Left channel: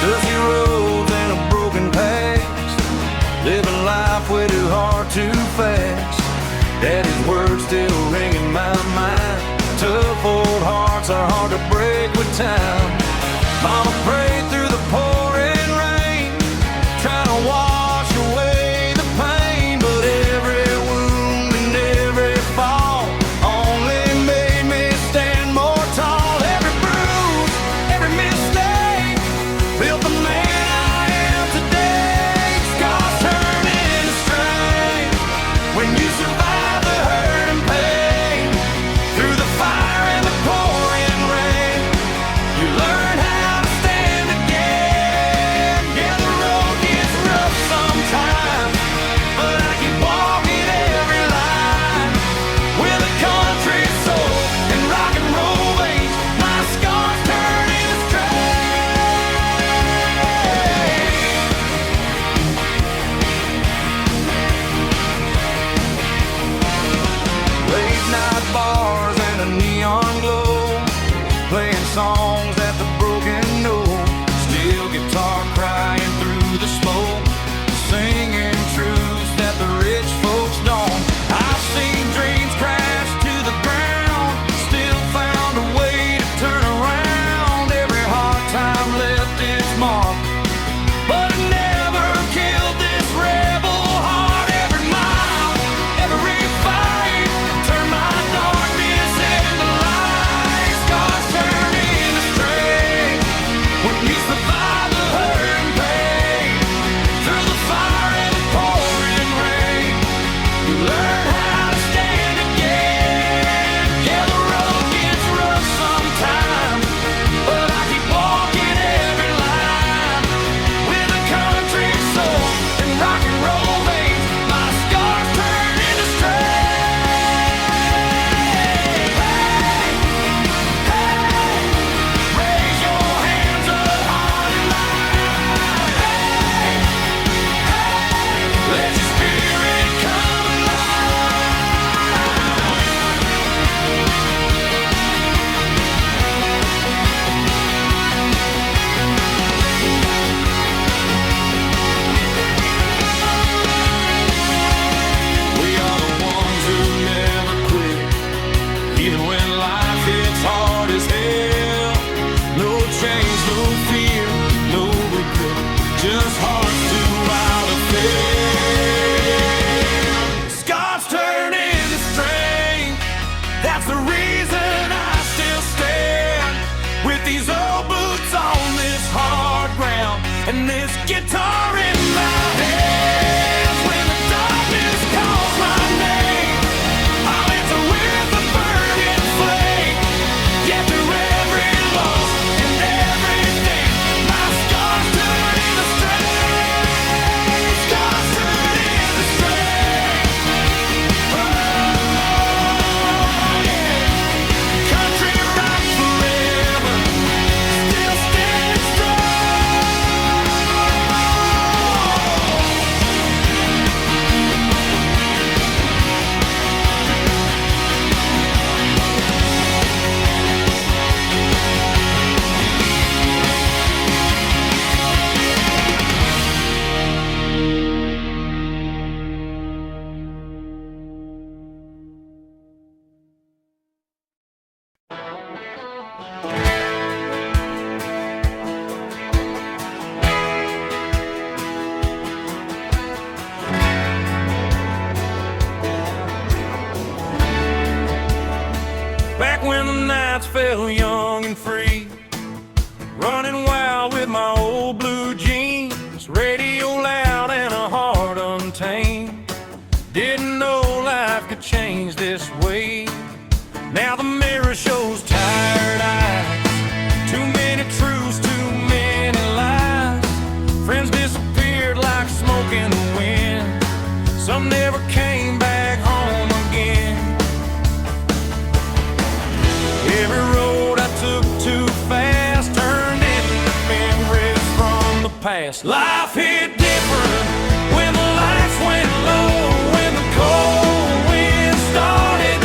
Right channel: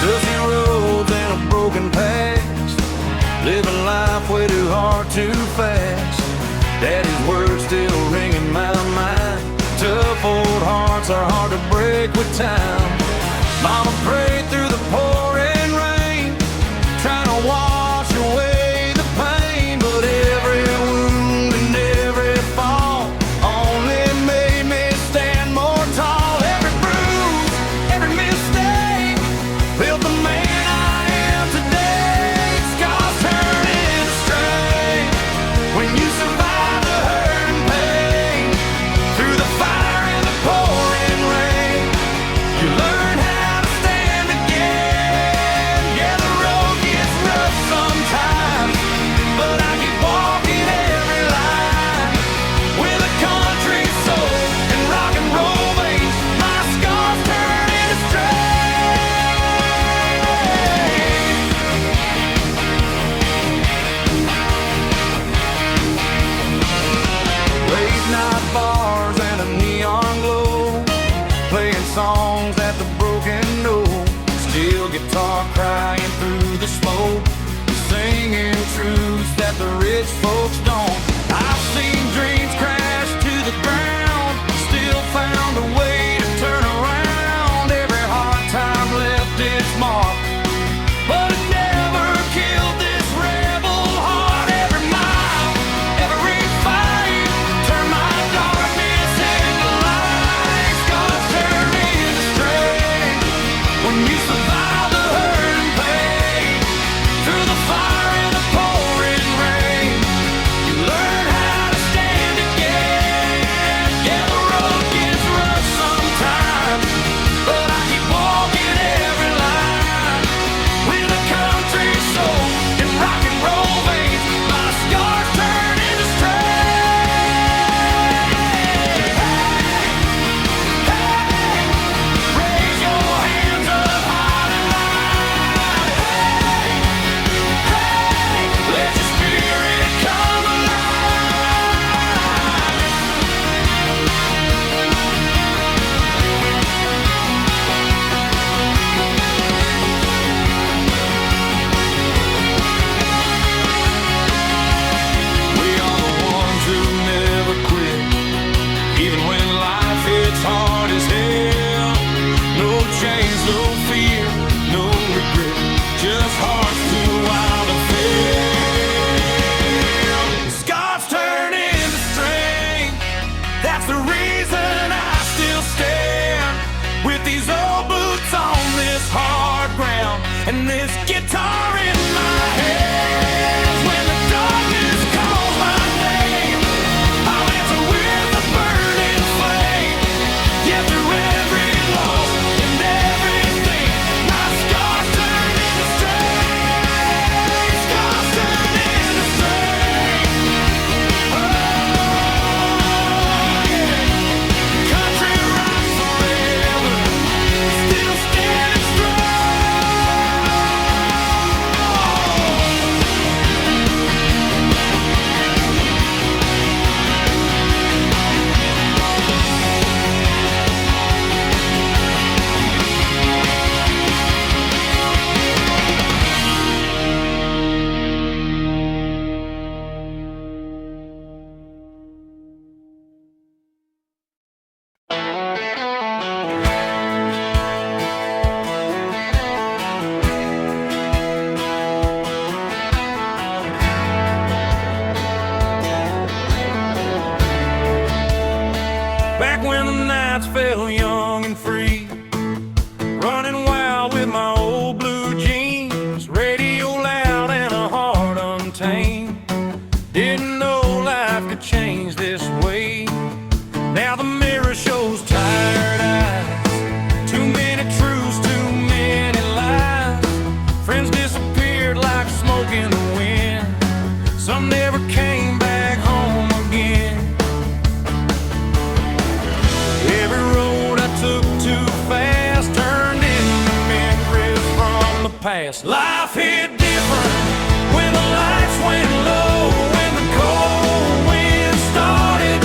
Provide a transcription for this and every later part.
Dusty roads and a broken past, living life way too hard, too fast. Daddy's words still ring in my mind. Tough old hearts are hard to break with time. Mama prayed through the pouring rain, trying to wash away the pain. But every wound and every fall only made me stand more tall. Every bruise, every mistake built the man I am today. Scars turn into strength when you survive the hurt and pain. Through the fire and the pouring rain, you learn how to stand again. Yeah, the road gets rough sometimes, but I keep walking every line. With a country soul and rock and roll veins, my scars turn into strength. Late night bars and a neon glow, playing songs that the broken know. Steel guitar crying through the smoke, singing truths that the rich folks don't. I've seen dreams crash to the ground, still found a way to turn around. Every hard time left its mark, but it never killed this rebel heart. Every mile, every fight turned my darkness into light. Scars turn into strength when you survive the hurt and pain. Through the fire and the pouring rain, you learn how to stand again. Yeah, the road gets rough sometimes, but I keep walking every line. With a country soul and rock and roll veins, my scars turn into strength. Hey, hey, raise your hands up hard and loud. Hey, hey, let your spirit come alive. We are the ones who never quit, even when life hits hard as hell. No change, no fear, no regret, just hearts too wild to fail. Scars turn into strength, that's the reason I still stand. With these old boots on this hard ground and this guitar in my hands. When the darkness calls my name, I'll answer with a burning flame. Yeah, through every loss and everything, my scars turn into strength. Scars turn into strength. Oh, yeah. Country rock forever, still standing strong. Back when the nights fell young and free, running wild with my old blue jeans, radio loud and a heart untamed. Didn't know life could change this way. Now the mirror shows tired eyes, too many truths, too many lies. Friends disappeared like smoke in the wind, some never came back home again. Every road I took too fast turned into memories from the past. Life hit different when the lights went low, when the cold wind started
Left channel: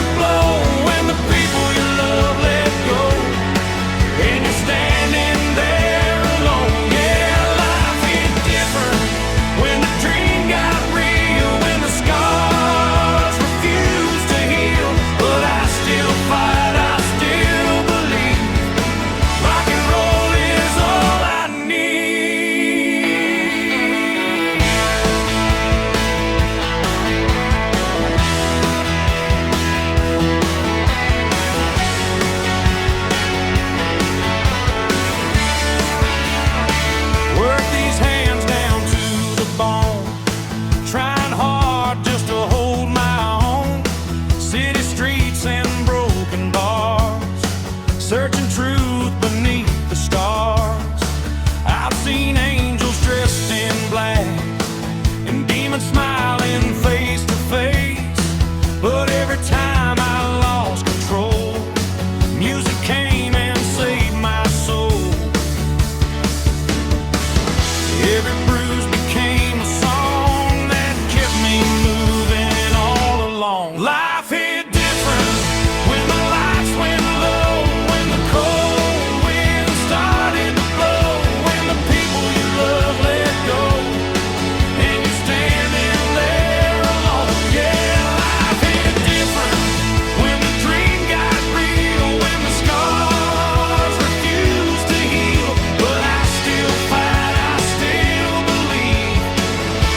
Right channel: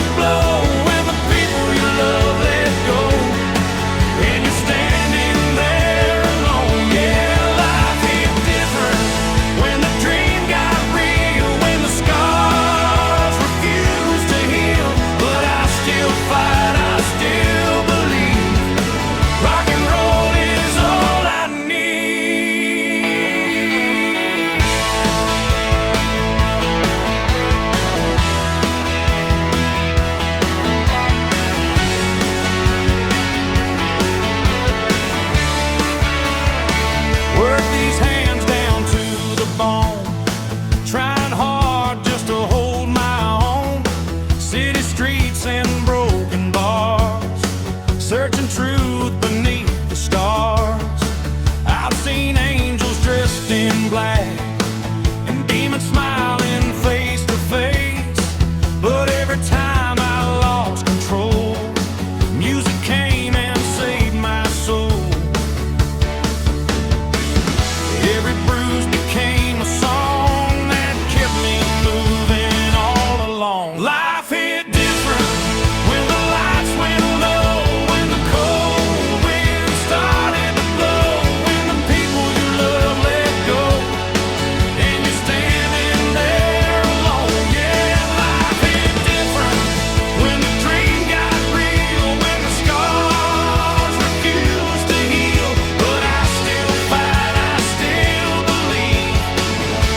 and smiling face to face. But every time I lost control, music came and saved my soul. Every bruise became a song that kept me moving all along. Life hit different when the lights went low, when the cold wind started to blow, when the people you love let go, and you're standing there alone. Yeah, life hit different when the dream got real, when the scars refused to heal. But I still fight, I still believe.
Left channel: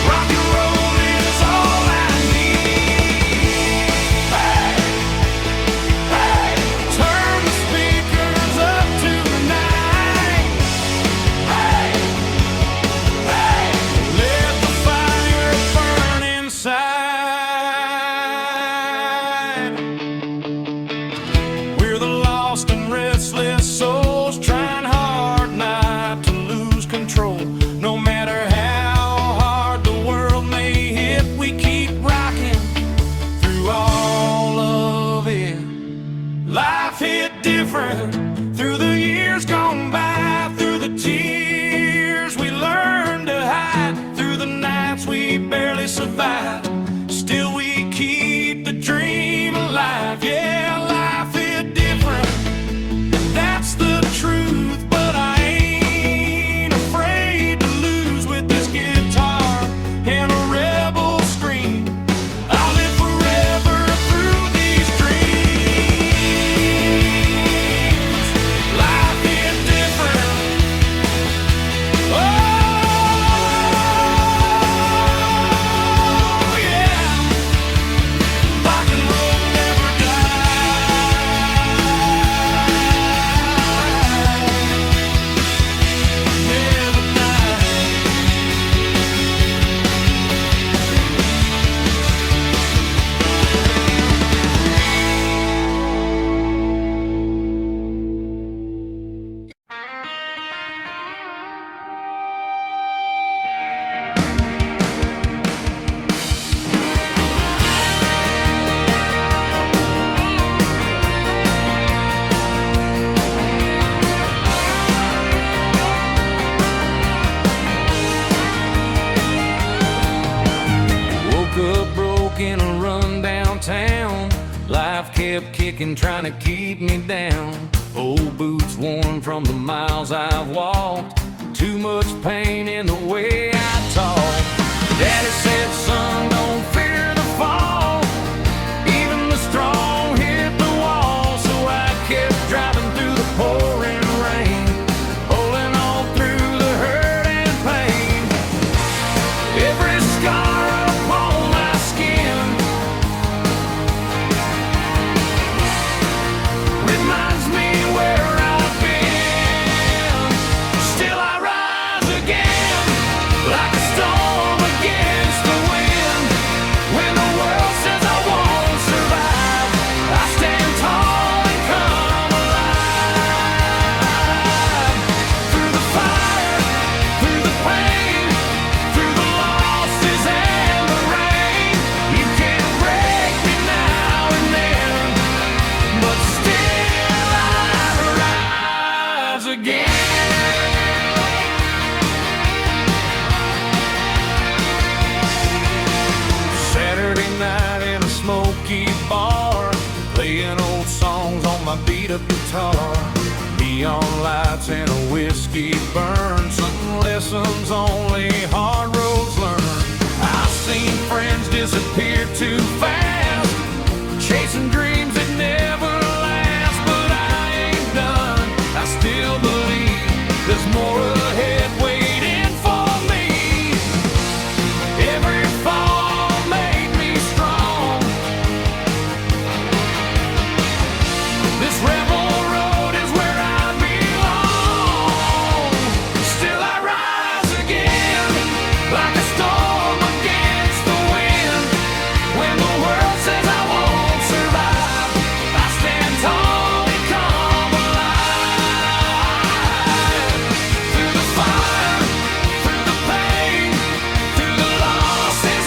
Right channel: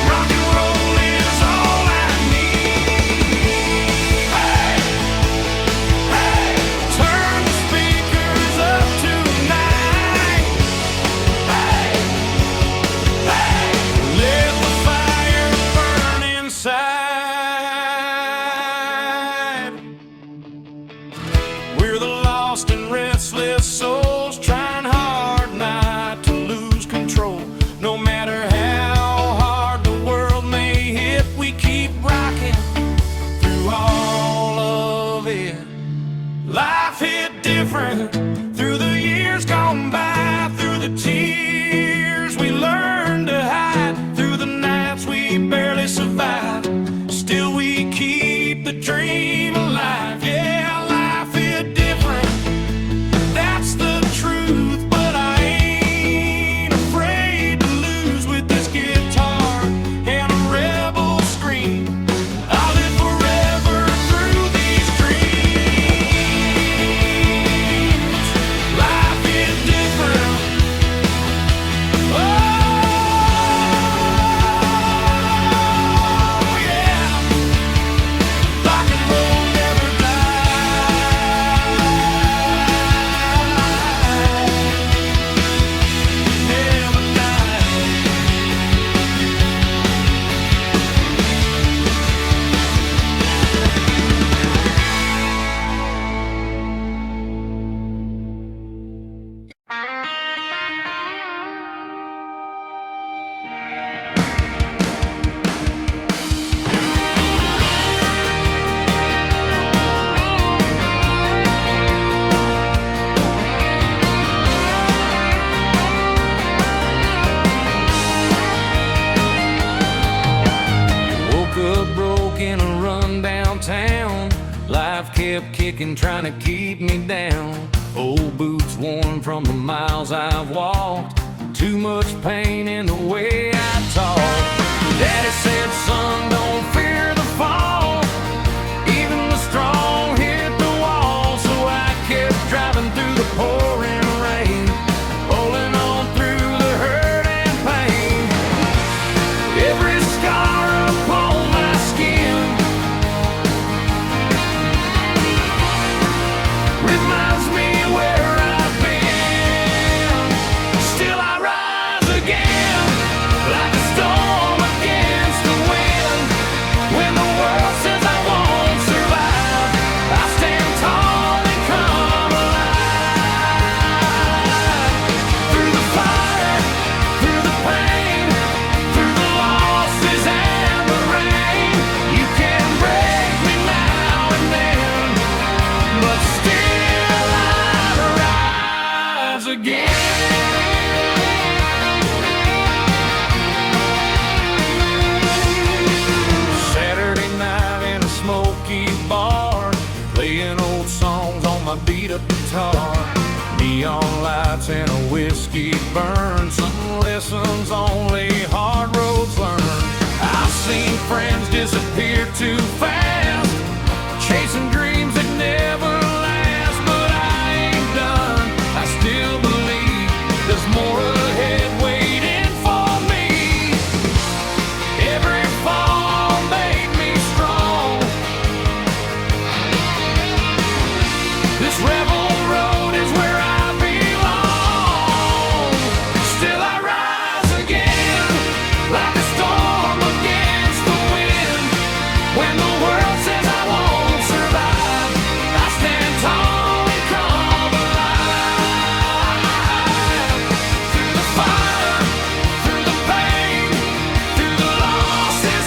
Rock and roll is all I need. Hey, hey, turn the speakers up tonight. Hey, hey, let the fire burn inside. We're the lost and restless souls, trying hard not to lose control. No matter how hard the world may hit, we keep rocking through all of it. Life hit different through the years gone by, through the tears we learned to hide, through the nights we barely survived. Still we keep the dream alive. Yeah, life hit different, that's the truth. But I ain't afraid to lose with this guitar and a rebel scream. I'll live forever through these dreams. Life hit different. Oh, yeah. Rock and roll never died. Never died. Woke up broke in a run downtown. Life kept kicking, trying to keep me down. Old boots worn from the miles I've walked. Too much pain in the way I talk. Daddy said, son, don't fear the fall. Even the strong hit the wall. So I kept driving through the pouring rain, holding on through the hurt and pain. Every scar upon my skin reminds me where I've been. Still I rise again, like a storm against the wind. When the world says I won't survive, I stand tall and come alive. Through the fire, through the pain, through the losses and the rain. You can break me now and then, but still I'd rise again. Saturday night in a smoky bar, playing old songs on my beat-up guitar. Neon lights and a whiskey burn, some lessons only hard roads learn. I've seen friends disappear too fast, chasing dreams that never last. But I ain't done, I still believe there's more ahead waiting for me. Every fall made me strong. This rebel road is where I belong. Still I rise again, like a storm against the wind. When the world says I won't survive, I stand tall and come alive. Through the fire, through the pain, through the losses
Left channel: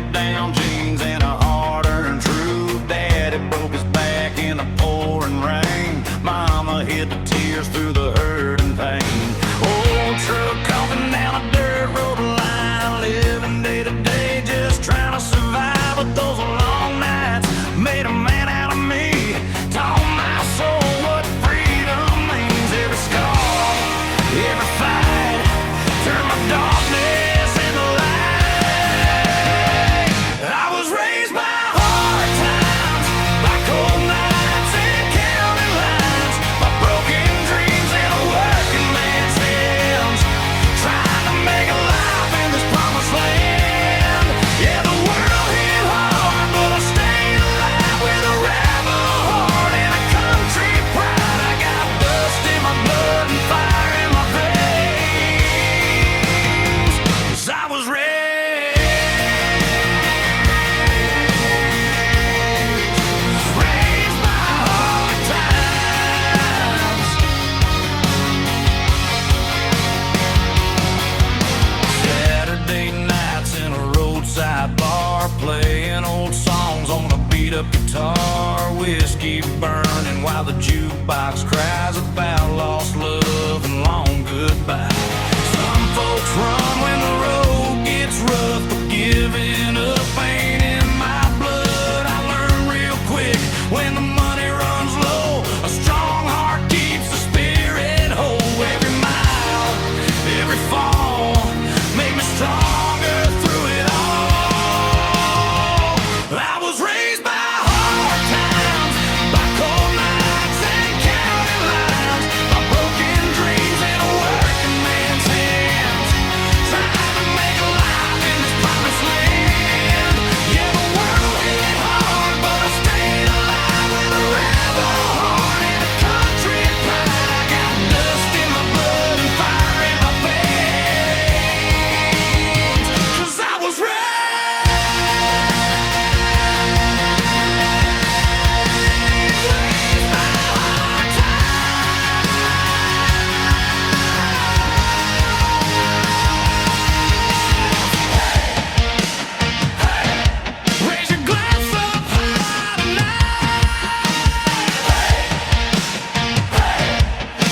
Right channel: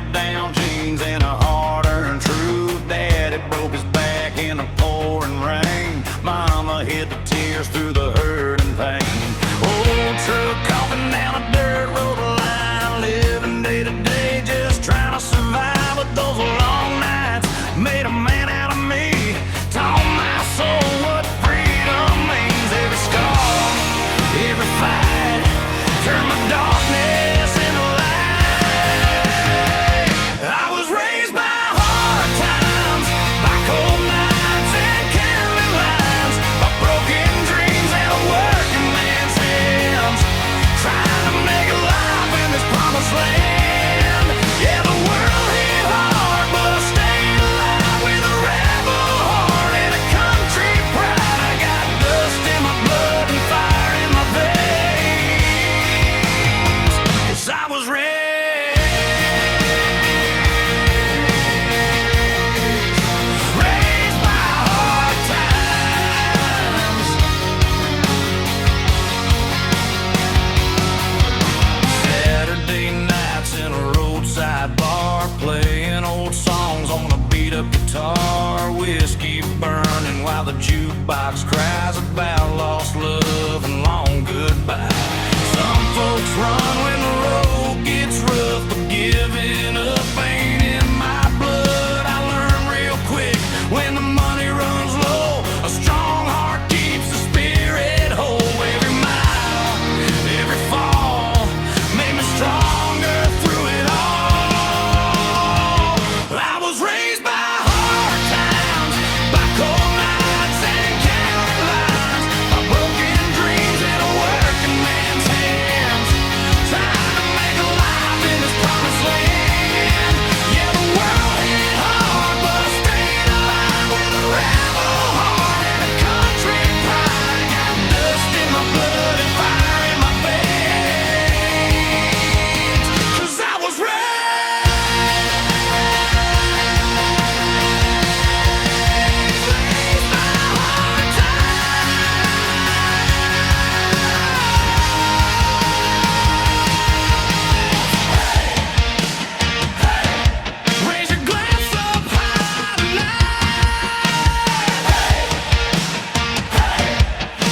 hand-me-down jeans and a hard-earned truth. Daddy broke his back in the pouring rain. Mama hid the tears through the hurt and pain. Old truck coughing down a dirt road line, living day to day, just trying to survive. But those long nights made a man out of me. Taught my soul what freedom means. Every scar, every fight, turned my darkness into light. I was raised by hard times, by cold nights and county lines, by broken dreams and a working man's hands, trying to make a life in this promised land. Yeah, the world hit hard, but I stayed alive with a rebel heart and a country pride. I got dust in my blood and fire in my veins, 'cause I was raised by hard times. Saturday nights in a roadside bar, playing old songs on a beat-up guitar, whiskey burning while the jukebox cries about lost love and long goodbye. Some folks run when the road gets rough, but giving up ain't in my blood. I learned real quick, when the money runs low, a strong heart keeps the spirit whole. Every mile, every fall made me stronger through it all. I was raised by hard times, by cold nights and county lines, by broken dreams in a working man's hands, trying to make a life in this promised land. Yeah, the world hit hard, but I stayed alive with a rebel heart and a country pride. I got dust in my blood and fire in my veins, 'cause I was raised by hard times. Raise your glass up high tonight,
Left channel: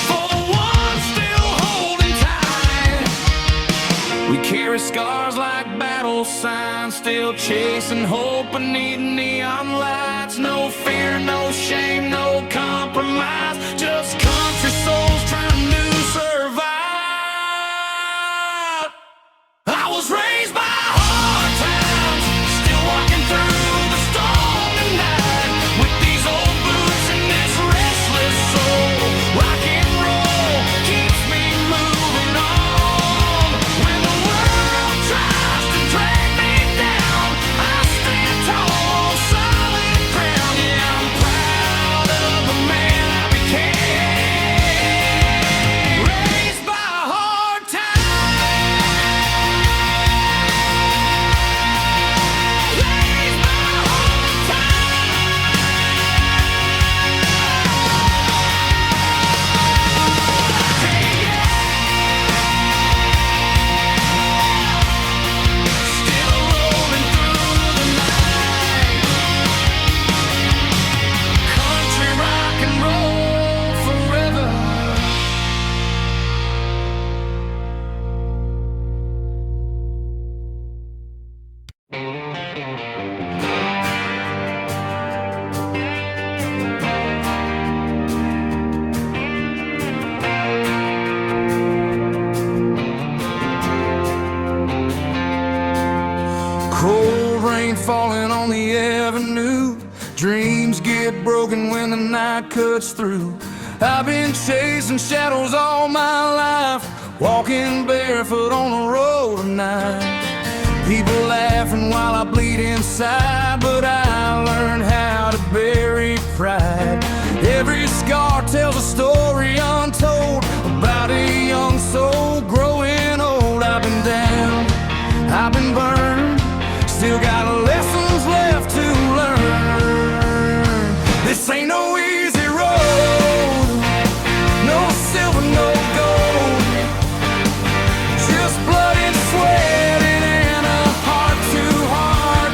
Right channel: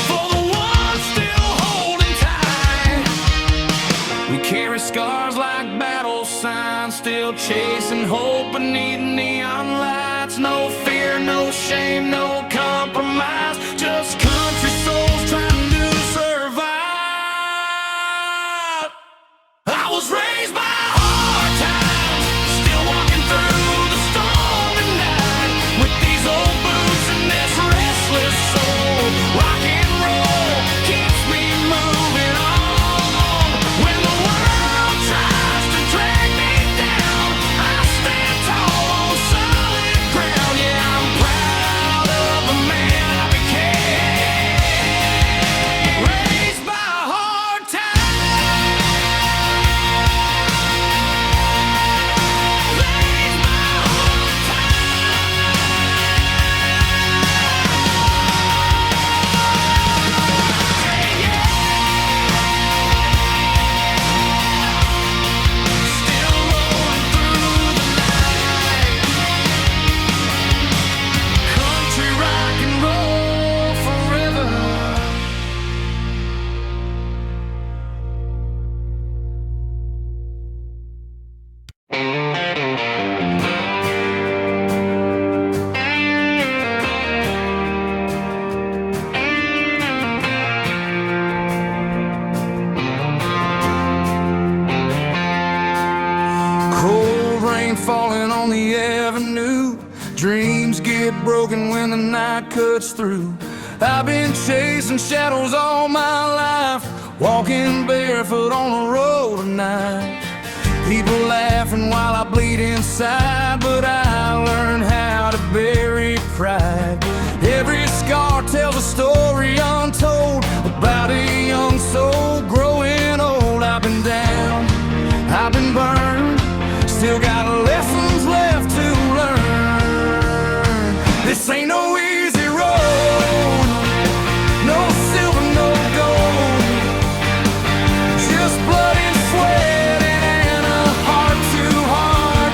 for the ones still holding tight. We carry scars like battle signs, still chasing hope beneath neon lights. No fear, no shame, no compromise, just country souls trying to survive. I was raised by hard times, still walking through the storm tonight, with these old boots and this restless soul. Rock and roll keeps me moving on. When the world tries to drag me down, I stand tall on solid ground. Yeah, I'm proud of the man I became. Raised by hard times. Raised by hard times. Hey, yeah. Still rolling through the night. Country rock and roll forever. Cold rain falling on the avenue, dreams get broken when the night cuts through. I've been chasing shadows all my life, walking barefoot on the road at night. People laughing while I bleed inside, but I learned how to bury pride. Every scar tells a story untold about a young soul growing old. I've been down, I've been burned, still got lessons left to learn. This ain't no easy road, no silver, no gold, just blood and sweat and a heart too hard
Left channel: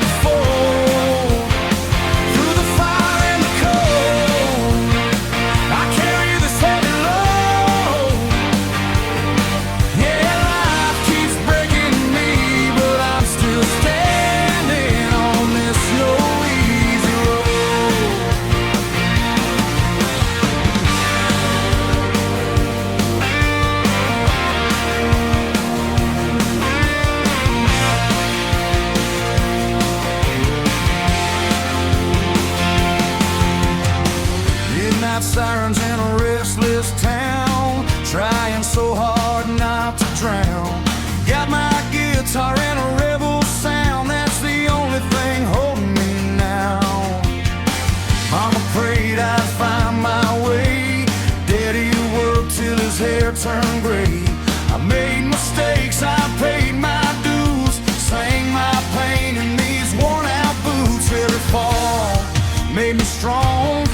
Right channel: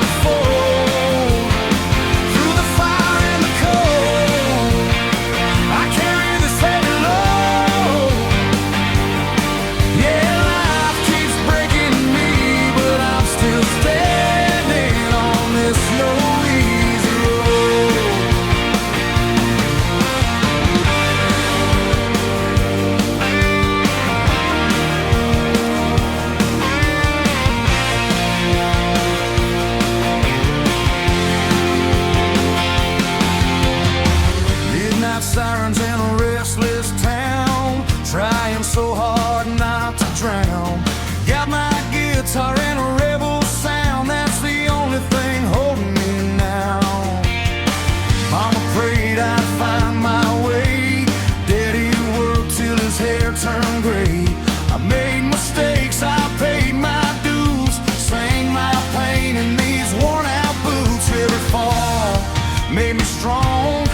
guitar and a rebel sound, that's the only thing holding me now. Mama prayed I'd find my way. Daddy worked till his hair turned gray. I made mistakes, I paid my dues, sang my pain in these worn out boots. Every fall made me strong.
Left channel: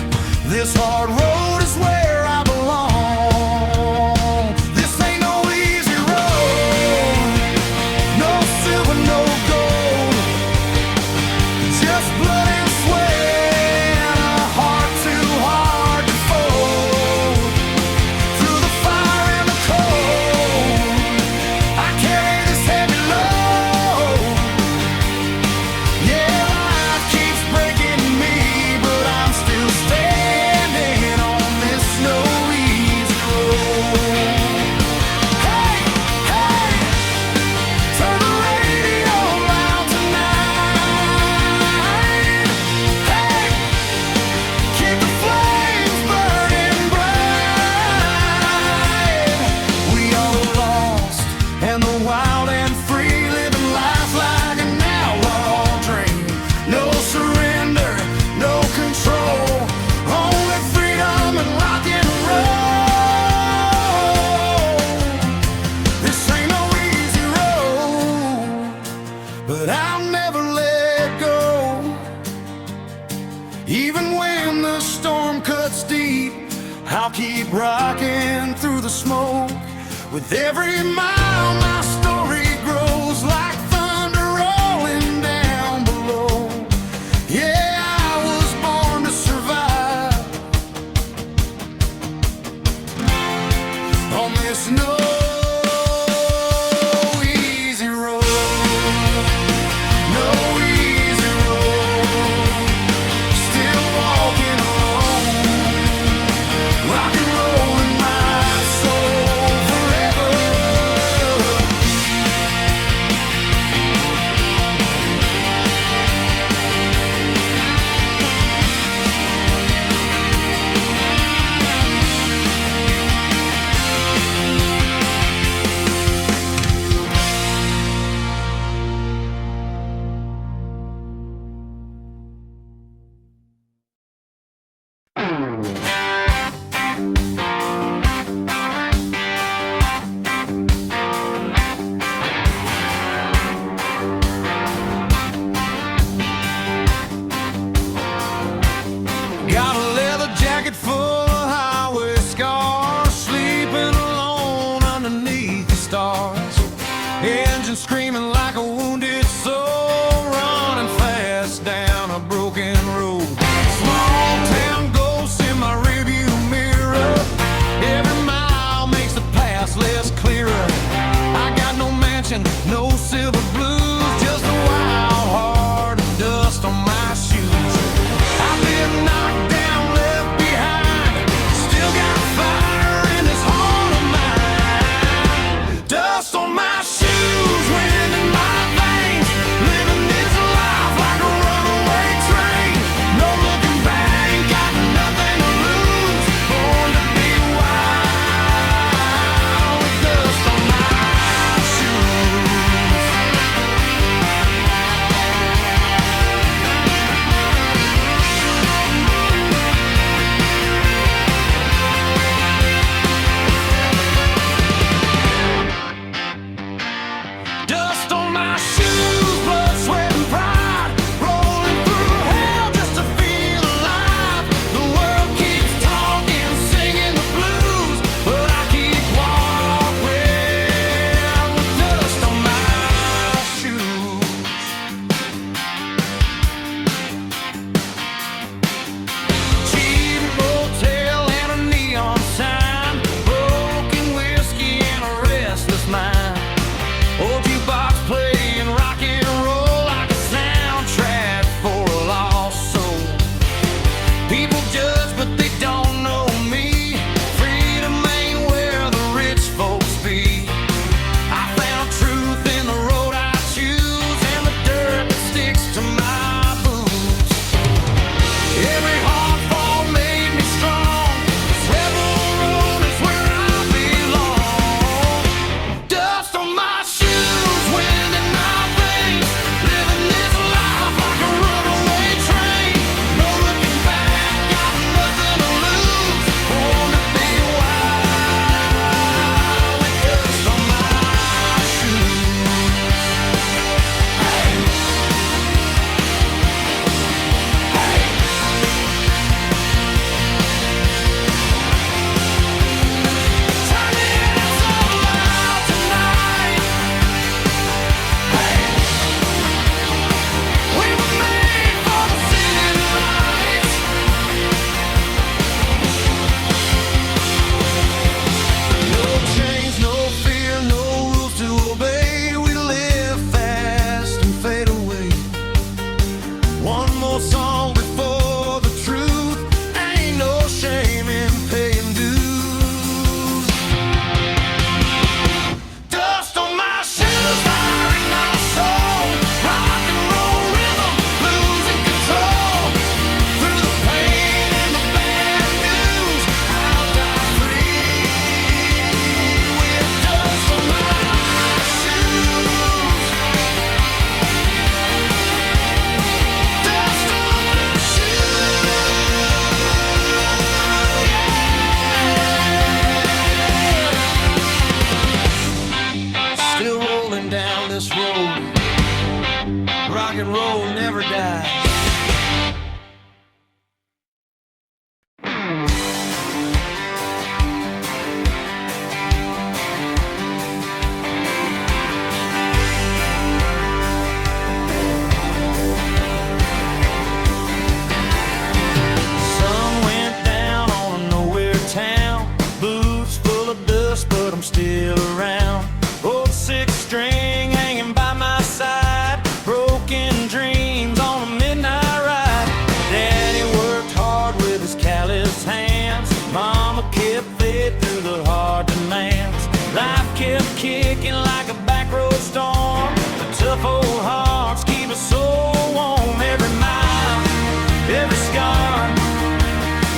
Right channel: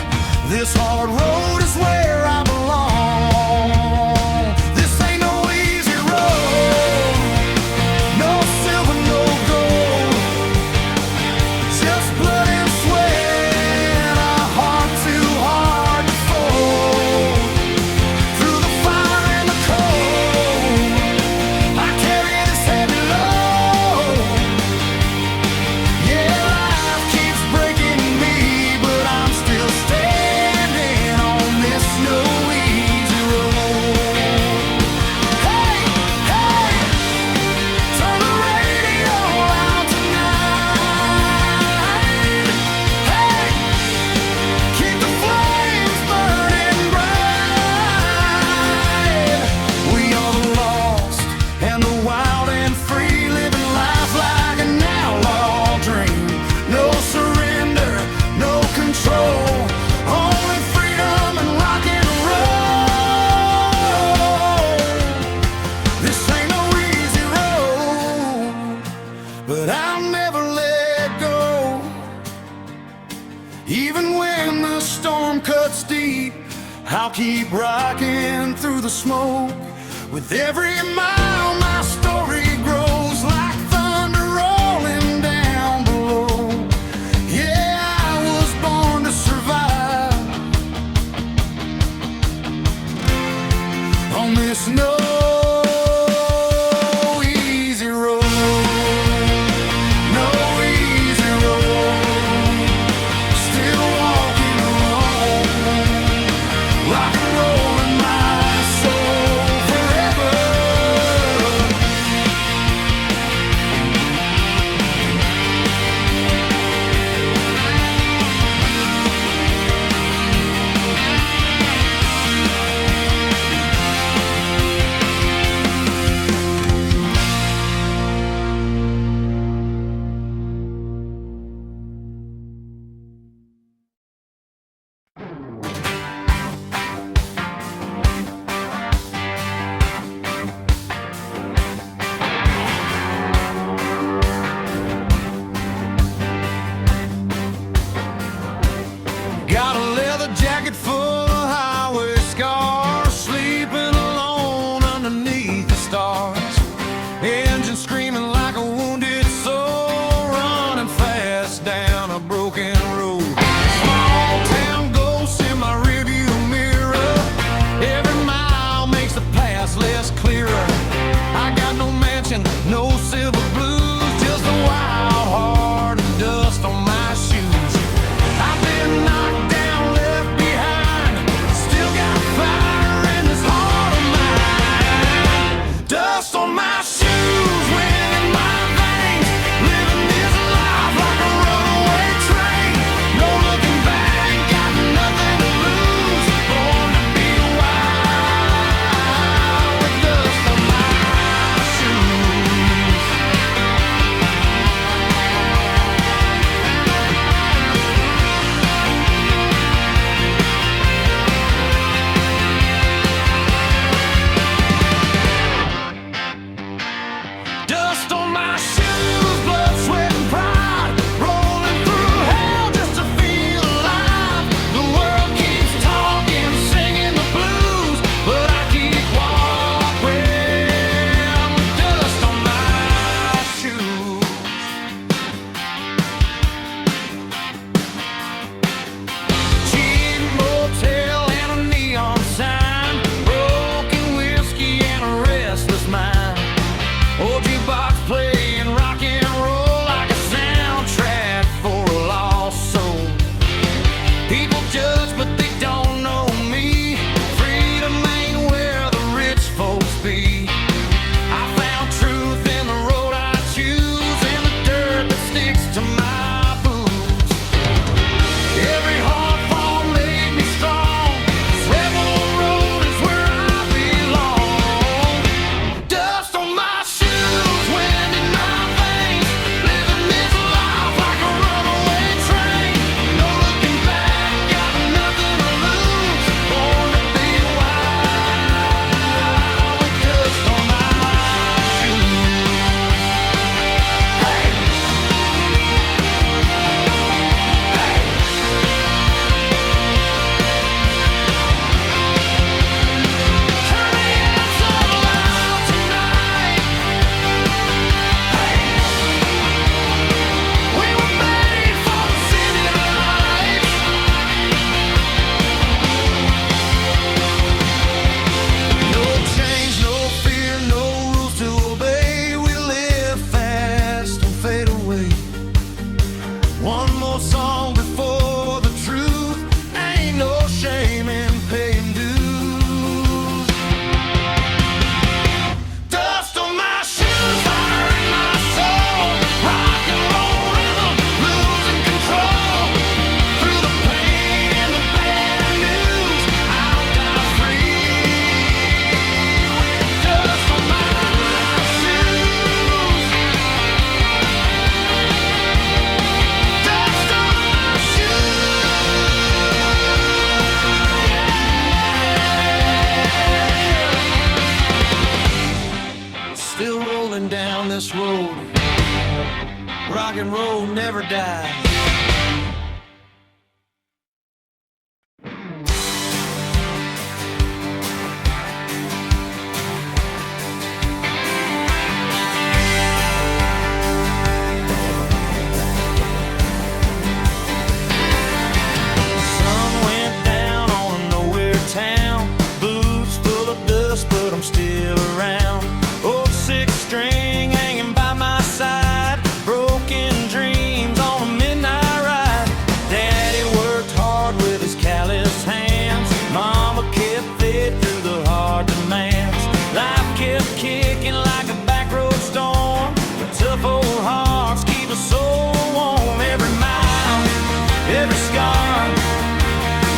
This hard road is where I belong. This ain't no easy road, no silver, no gold, just blood and sweat, a heart too hard to fold. Through the fire and the cold, I carry this heavy load. Yeah, life keeps breaking me, but I'm still standing on this no easy road. Hey, hey, turn the radio out tonight. Hey, keep the flames burning bright. We are the lost and the wild and free, living life like an outlaw dream. No surrender, no control, only freedom and rock and roll. This ain't no easy road, but I'll never let go. Even when the storm cuts deep, I'll keep rocking through the smoke. With every mile my story grows like thunder rolling down below. Yeah, I was born to survive on this no easy road. No easy road, still walking alone, rock and roll in my soul forever. Got a leather jacket full of highway scars, sleeping alone underneath the stars. Engine screaming like a wounded soul, running fast down a broken road. Small town ghosts in my rearview mirror, every mile makes the past less clearer. I got no mansion, no silver blues, just a wild heart of dust on my shoes. I've been knocked down, left behind, still got fire in this heart of mine. Dust on my shoes, wind in my veins, living this life like a runaway train. No looking back, got nothing to lose, born to be wild with dust on my shoes. Rock and roll never dies. Sun went down on a nowhere town. Boots full of dust, but I'm still around. Old six string hanging by my side. Broken dreams on a midnight ride. Daddy worked hard with his calloused hands. Mama kept faith through the hard demands. Life kept kicking like a back road storm. The tough old hearts keep us so warm. Every mile, every scar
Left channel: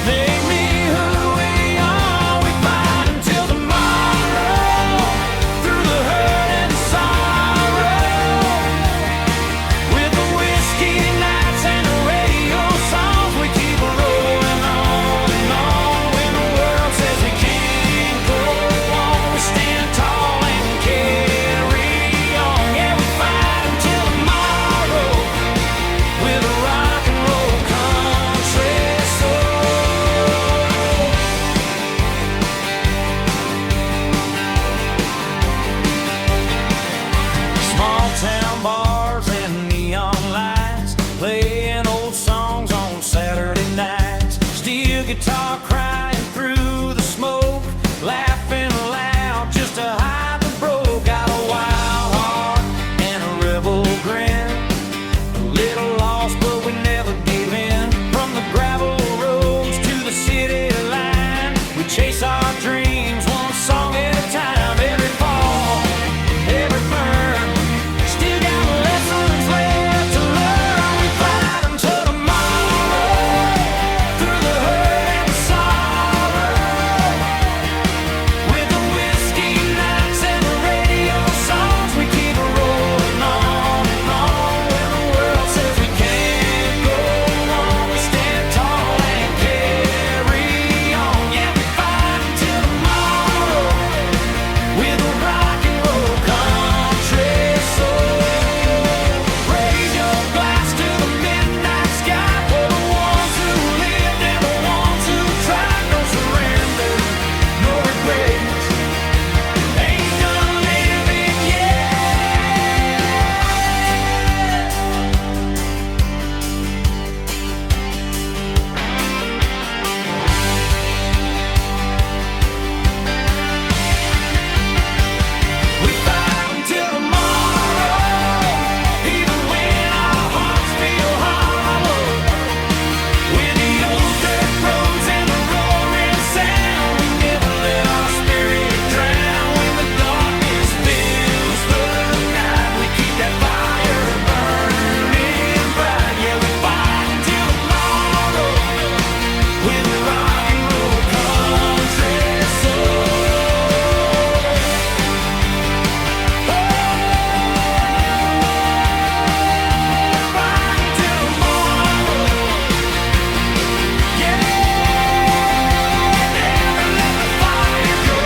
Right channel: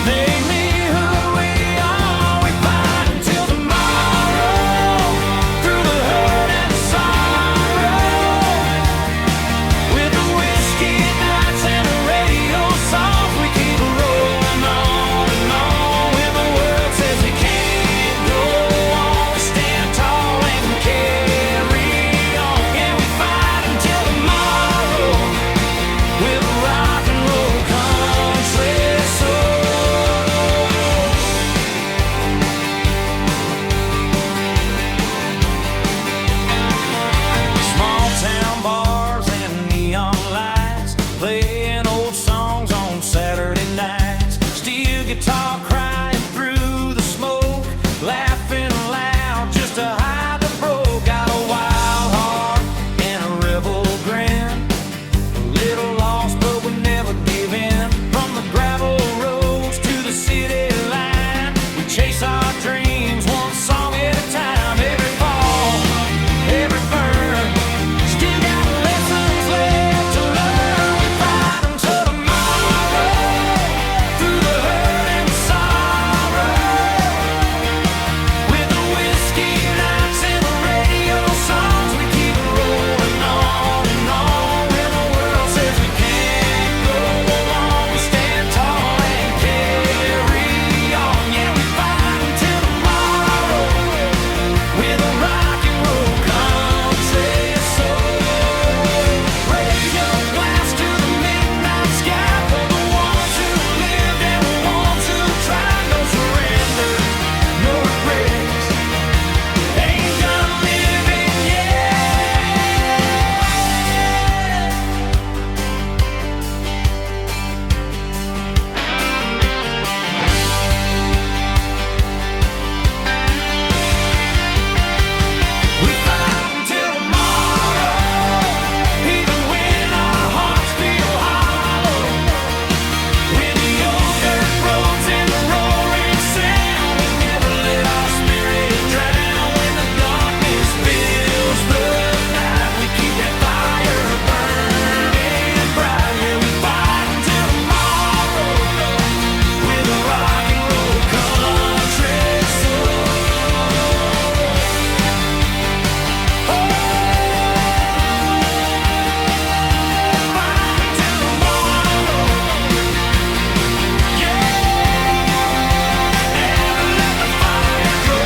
made me who we are. We fight until tomorrow, through the hurt and the sorrow. With the whiskey nights and the radio songs, we keep rolling on and on. When the world says we can't go on, we stand tall and carry on. Yeah, we fight until tomorrow, with a rock and roll country soul. Small town bars and neon lights, playing old songs on Saturday nights. Steel guitar crying through the smoke, laughing loud just to hide the broke. Got a wild heart and a rebel grin. A little lost, but we never give in. From the gravel roads to the city line, we chase our dreams one song at a time. Every fall, every burn, still got lessons left to learn. We fight until tomorrow, through the hurt and the sorrow. With the whiskey nights and the radio songs, we keep rolling on and on. When the world says we can't go on, we stand tall and carry on. Yeah, we fight until tomorrow, with a rock and roll country soul. Raise your glass to the midnight sky for the ones who lived and the ones who tried. No surrender, no regrets. Ain't done living yet. We fight until tomorrow, even when our hearts feel hollow. With the old dirt roads and the roaring sound, we never let our spirit drown. When the darkness fills the night, we keep that fire burning bright. Yeah, we fight until tomorrow, with a rock and roll country soul. Fight until tomorrow. Yeah, never let the fire go.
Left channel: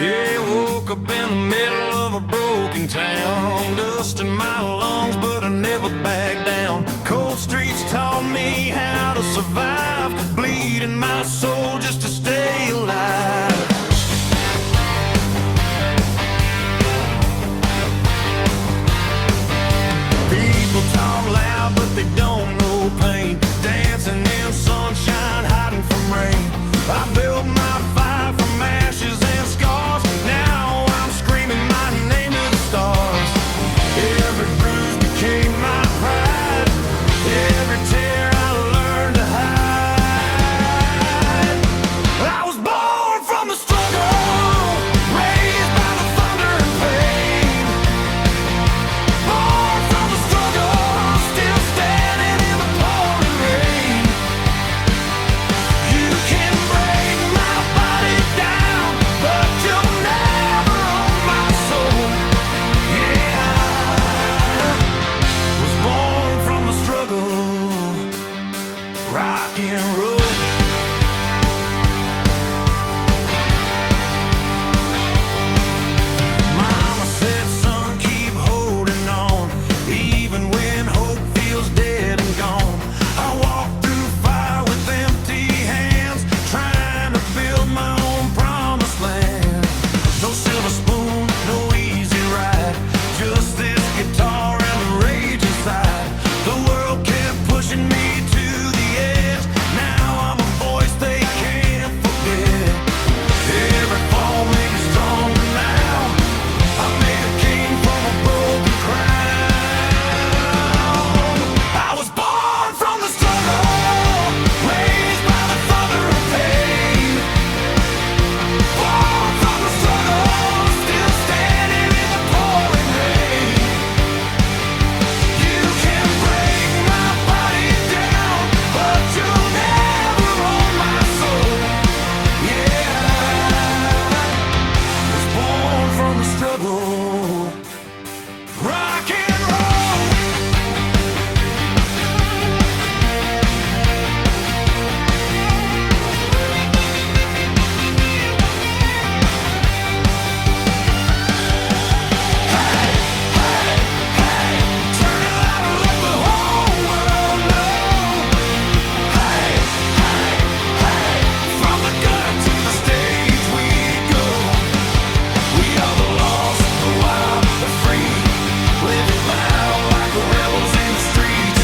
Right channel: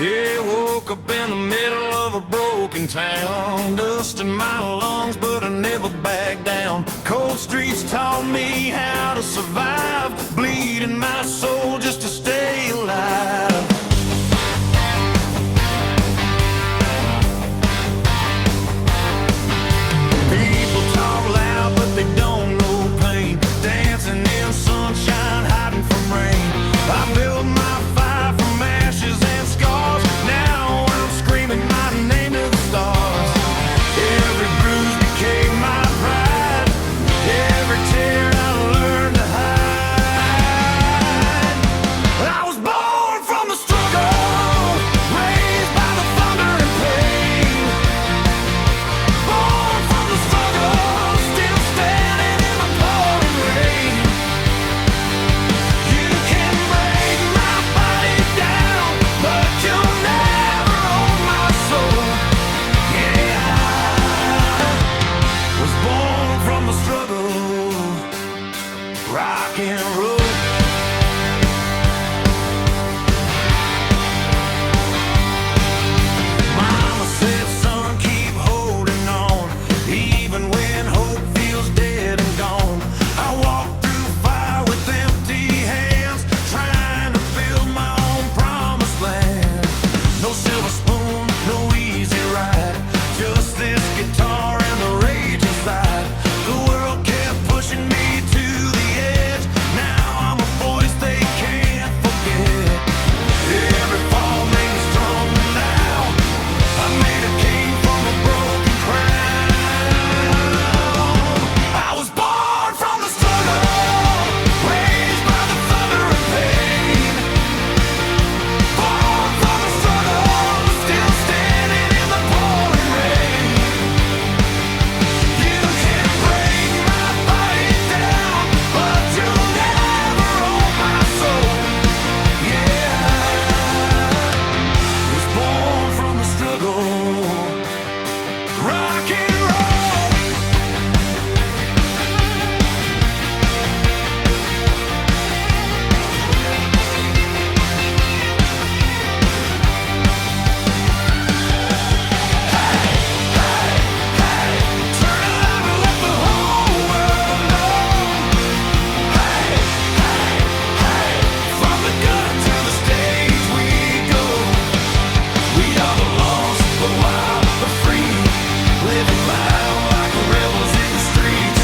Yeah, woke up in the middle of a broken town, dust in my lungs, but I never backed down. Cold streets taught me how to survive, bleeding my soul just to stay alive. People talk loud, but they don't know pain. Dancing in sunshine, hiding from rain. I built my fire from ashes and scars. Now I'm screaming my name to the stars. Every bruise became my pride. Every tear I learned to hide. I was born from the street. rock and roll. Mama said, son, keep holding on, even when hope feels dead and gone. I walk through fire with empty hands, trying to build my own promised land. No silver spoon, no easy ride, just this guitar and the rage inside. The world kept pushing me to the edge. Now I'm a voice they can't forget. Every fall made me stronger now. I made a king from a broken crown. I was born from the struggle, raised by the thunder and pain. Born from the struggle, still standing in the pouring rain. You can break my body down, but you'll never own my soul. Yeah, I was born from the struggle. Rock and roll. Hey, hey, hey, turn it loud and let the whole world know. Hey, hey, hey, from the gutter to the stage we go. We are the lost, the wild, the free, living loud like rebels in the streets.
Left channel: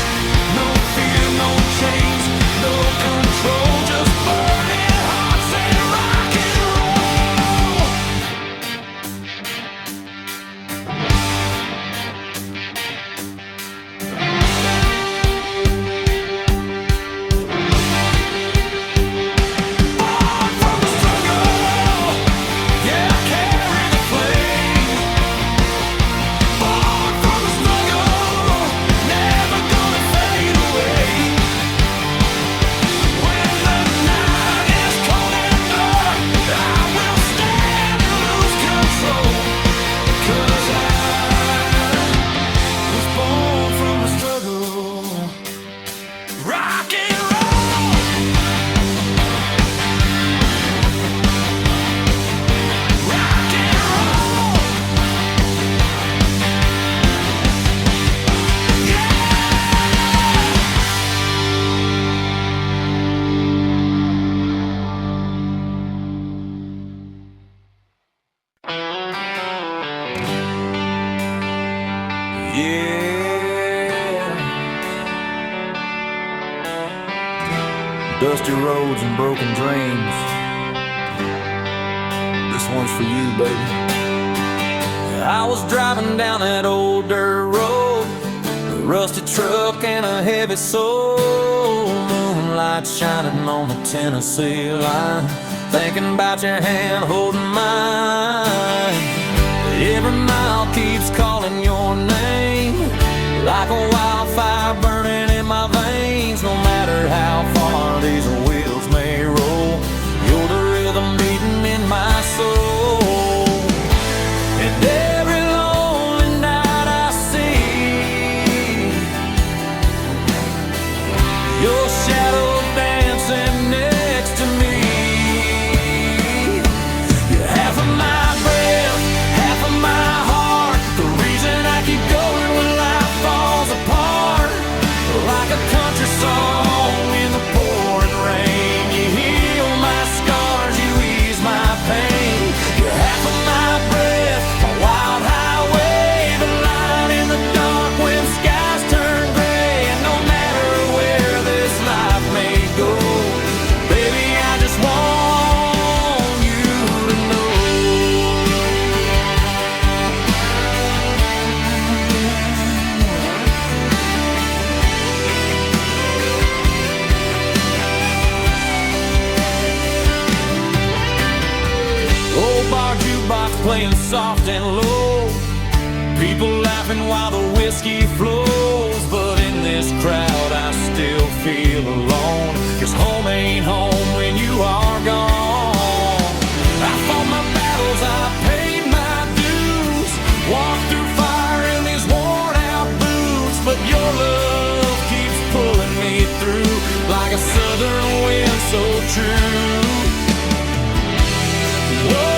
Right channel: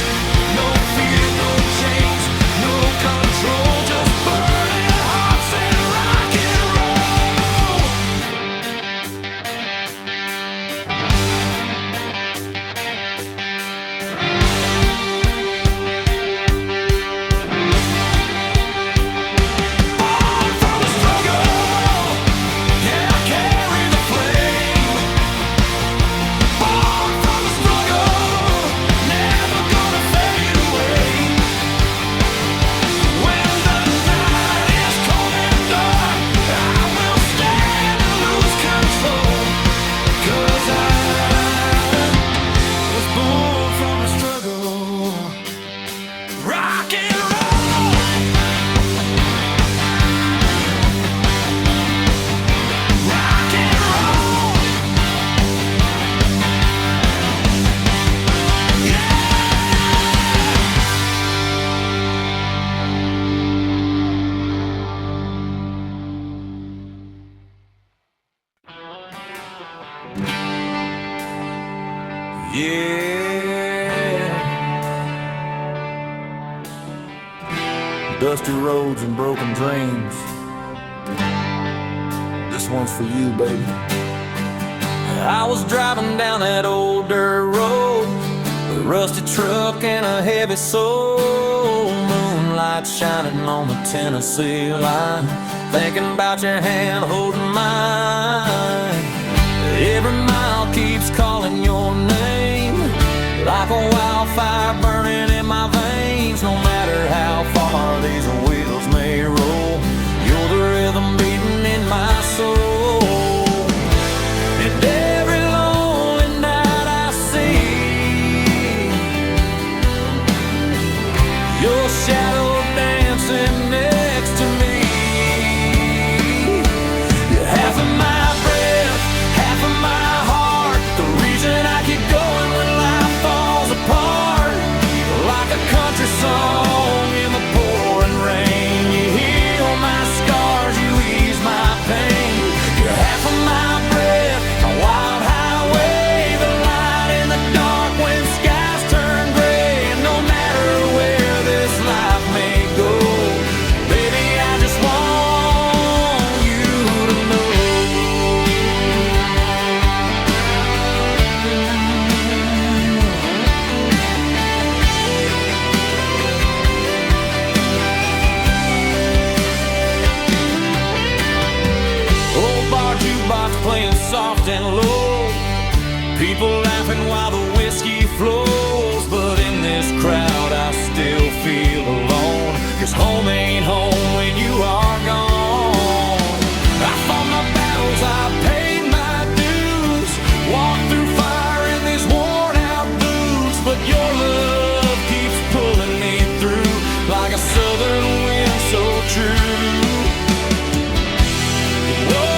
No fear, no chains, no control, just burning hearts and rock and roll. Born from the struggle, yeah, I carry the flame. Born from the struggle, never gonna fade away. When the night is cold and dark, I will stand and lose control. 'Cause I was born from the struggle. Rock and roll. Rock and roll. Yeah. Yeah. Dusty roads and broken dreams. This one's for you, baby. I was driving down that old dirt road, a rusty truck and a heavy soul. Moonlight shining on the Tennessee line, thinking about your hand holding mine. Every mile keeps calling your name, like a wildfire burning in my veins. No matter how far these wheels may roll, you're the rhythm beating in my soul. And every lonely night I see your shadow dancing next to me. You're half of my breath, half of my heart, the reason I keep going when life falls apart. Like a country song in the pouring rain, you heal my scars, you ease my pain. You're half of my breath, my wild highway, the light in the dark when skies turn gray. And no matter where this life may go, baby, I just want you to know. Old bar jukebox playing soft and low, people laughing while the whiskey flows. But in this crowd I still feel alone, 'cause home ain't home when you are gone. I fought my battles, I paid my dues, walked through fire in these worn out boots. But your love keeps pulling me through. like a southern wind so true. Whoa.